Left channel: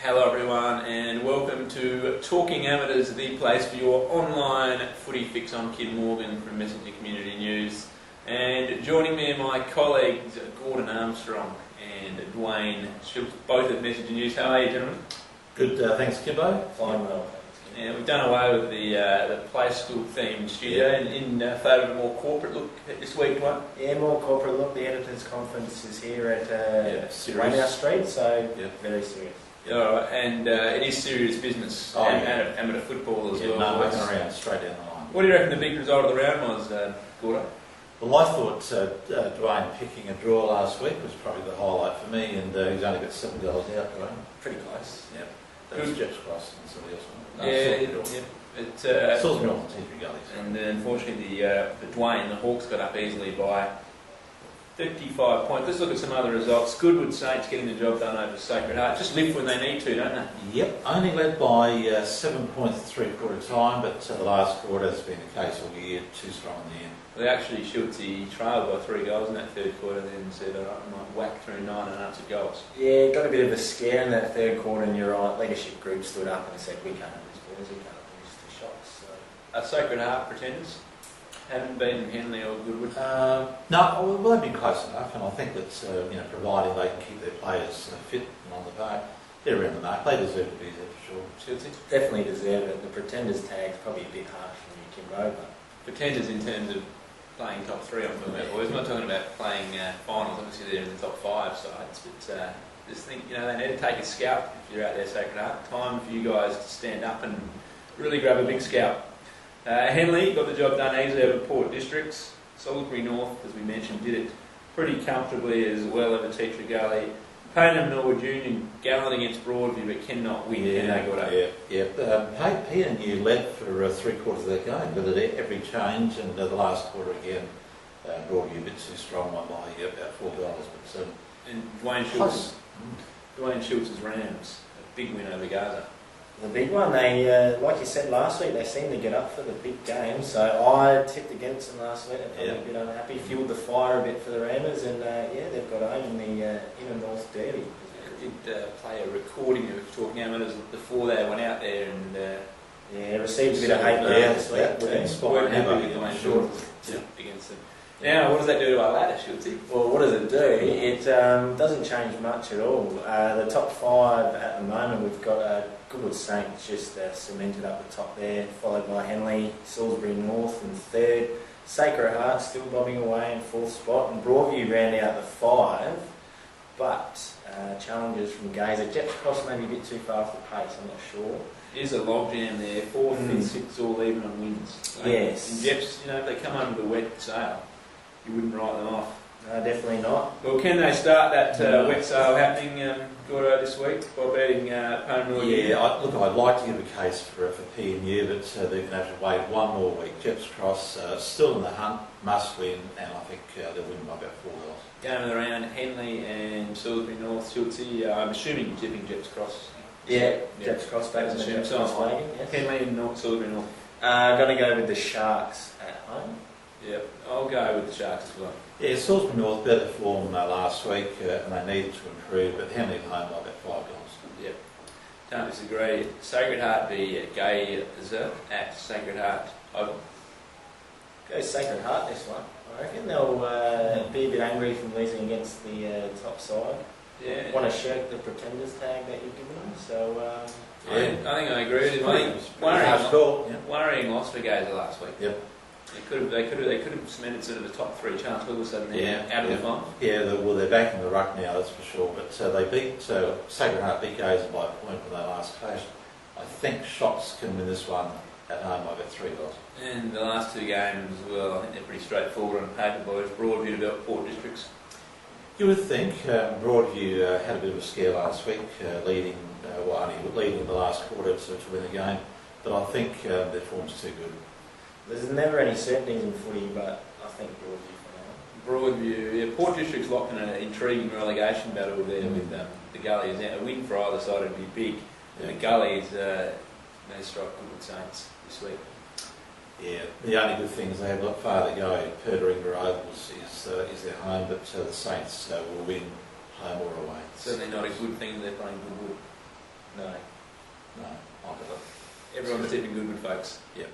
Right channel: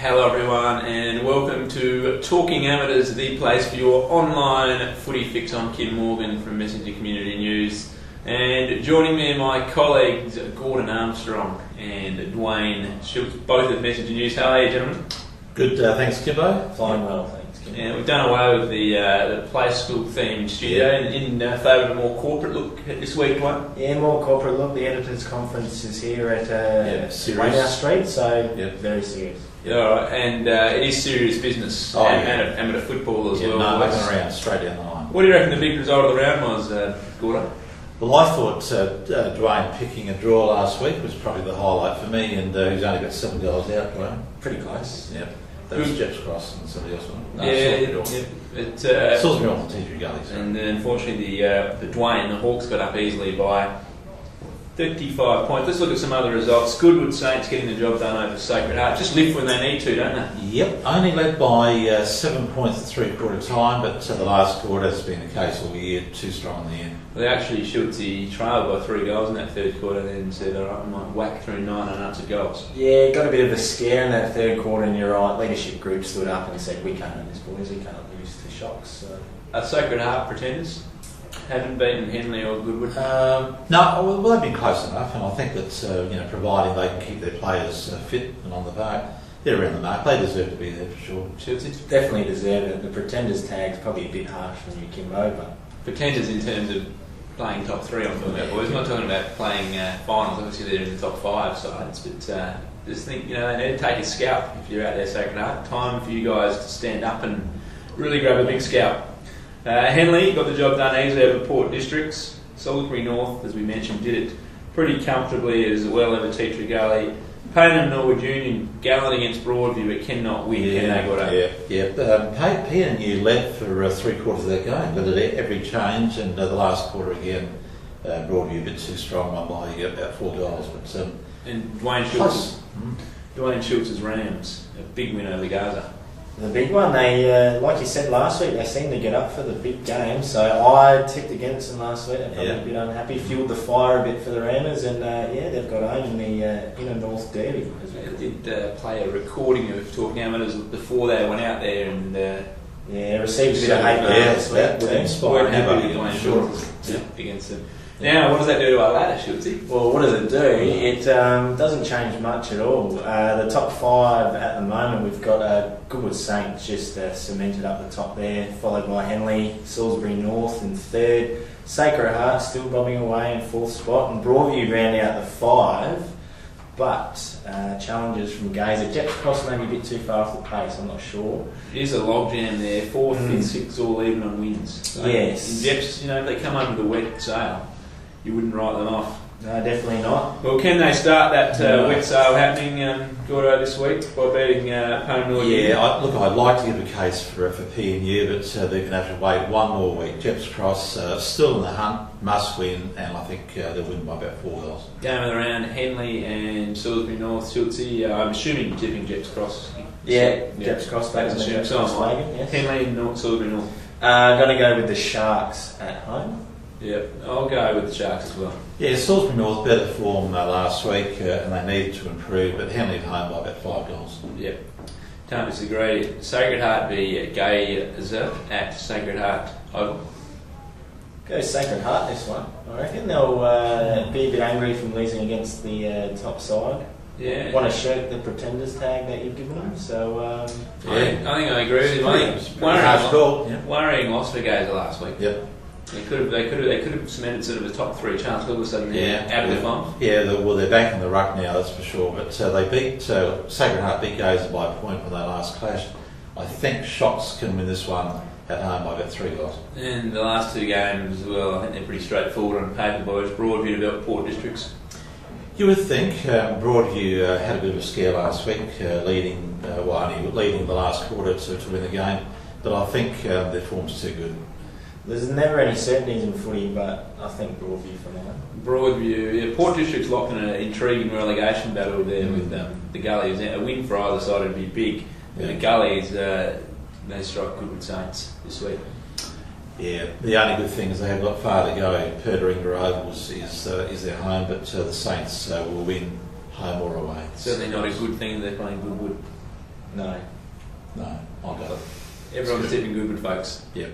Hello everyone and welcome to Talking Amateurs, the place for your online footy fix. I'm Kim Morgan from Messenger Community News, and joining me are my colleagues Gordon Armstrong and Duane Schultz, both of Messenger News. How are you, gentlemen? Good, thanks Kimbo. Fine, well, thanks Kim. Yeah, we've done away with the play school themed studio in favour of a more corporate look this week, Duane. Yeah, more corporate look. The editors' conference is here at Waynow Street, so very serious. Yeah, all right. And it is serious business, and amateur football as well. No, moving around straight down the line. What do you reckon the big result of the round was, Gordon? Well, I thought Duane picking a draw last week was probably the highlight for me, and he's only got 7 goals out, Duane. Pretty close. Yep. That was Jeps Cross and somebody else. Salisbury North and Teacher Gullies. And then unfortunately the Duane, the Hawks got up easily by 35 points. Let's look at some other results. Goodwood Saints getting the job done over Sacred Heart. Just lift when they need to, don't they? Yep, only led by 7 points at three-quarter time, but the last quarter has been the case all year, too strong in the end. Well, they actually Schultz trailed by 3 goals in that third quarter, then said, all right, I might whack through 9 unanswered goals. Yeah, got a bit of a scare in that third quarter, and you're right. Leadership group stood up and said, we can't win this, boys, we can't lose to Shocks. So. Are Sacred Heart pretenders? Haven't beaten Henley or Goodwood? No, well, they've been close enough, and I think that providing they can keep their players fit and on the park, they're around the mark. They deserve to be there for sure. Schultz? Definitely deserve it. The pretenders tag's probably a bit harsh from you, Kimbo, but pretenders in terms of playing top 3, I'm talking about, boys. I'm not talking about playing finals. Obviously, they're in the top 5 sides, but just think, they need to take a scalp if you're out there, Sacred Heart. Time for you guys to stand up and really grab a big scalp. Henley got the job done easily over Port Districts. Salisbury North, as we mentioned, did it pretty comfortably as well over Teacher Gully. Payne and Norwood Union gallant against Broadview but cannot win. Can they got up? Payne led for three-quarters of that game, but at every change, and the last quarter again, Broadview a bit too strong, won by about 4 goals. But and Duane Schultz's Rams, a big win over Gaza. The big one, they like you said last week, they seem to get up for the big game. So I tipped against them last week. They're probably a bit unhappy, fueled the fire a bit for the Rammers, and they've got home in the Inner North Derby. I did play a recording of Talking Amateurs before they went out there, and received a bit of hate this week. That would inspire Duane Schultz against them. Now, what does that do to our ladder, Schultz? Well, what does it do? It doesn't change much at all. The top 5 at the moment, we've got Goodwood Saints just cemented up the top there, followed by Henley, Salisbury North in 3rd, Sacred Heart still bobbing away in 4th spot, and Broadview round out the 5. But challenges from Gazer. Jeps Cross maybe a bit too far off the pace, I'm not sure. It is a logjam there, 4th, 5th, 6th all even on wins. So yes. In Jeps, if they come home with a wet sail, you wouldn't write them off. No, definitely not. Well, can they start that wet sail happening, Gordo, this week by beating Pone? I'd like to give a case for PNU, but they're going to have to wait 1 more week. Jeps Cross still in the hunt, must win, and I think they'll win by about 4 goals. Game of the round, Henley and Salisbury North, Schultz. I'm assuming tipping Jeps Cross. Jeps Cross back in the Jeps Cross wagon. Yes. Henley and Salisbury North. Going to go with the Sharks at home. Yep, I'll go with the Sharks as well. Yeah, Salisbury North better form last week, and they needed to improve, but Henley at home by about 5 goals. Yep, can't disagree. Sacred Heart v Gazer at Sacred Heart Oval. Go Sacred Heart this one. I reckon they'll be a bit angry from losing against the top side. Yeah. Want to shirk the pretenders tag that you've given them, so... I think I agree with you. I think worrying loss for Gazer last week. Yep. They could have cemented sort of a top 3 chance. All of a sudden they're out of the finals. Yeah, they're back in the ruck now, that's for sure. But they beat Sacred Heart beat Gazer by a point when they last clashed. I think Schultz can win this one at home by about 3 goals. And the last 2 games as well, I think they're pretty straightforward on paper, boys. Broadview to Port Districts. You would think Broadview had a bit of a scare last week, only leading the last quarter to win the game. But I think their form's too good. There's never any certainties in footy, but I think Broadview for now. Broadview, Port District's locked in an intriguing relegation battle there with the Gullies. A win for either side would be big. Yeah. The Gullies, they strike Goodwood Saints this week. Yeah, the only good thing is they have got far to go. Perderinga Ovals is their home, but the Saints will win home or away. Certainly not a good thing they're playing Goodwood. No. No, I got it. Everyone's tipping Goodwood, folks. Yep.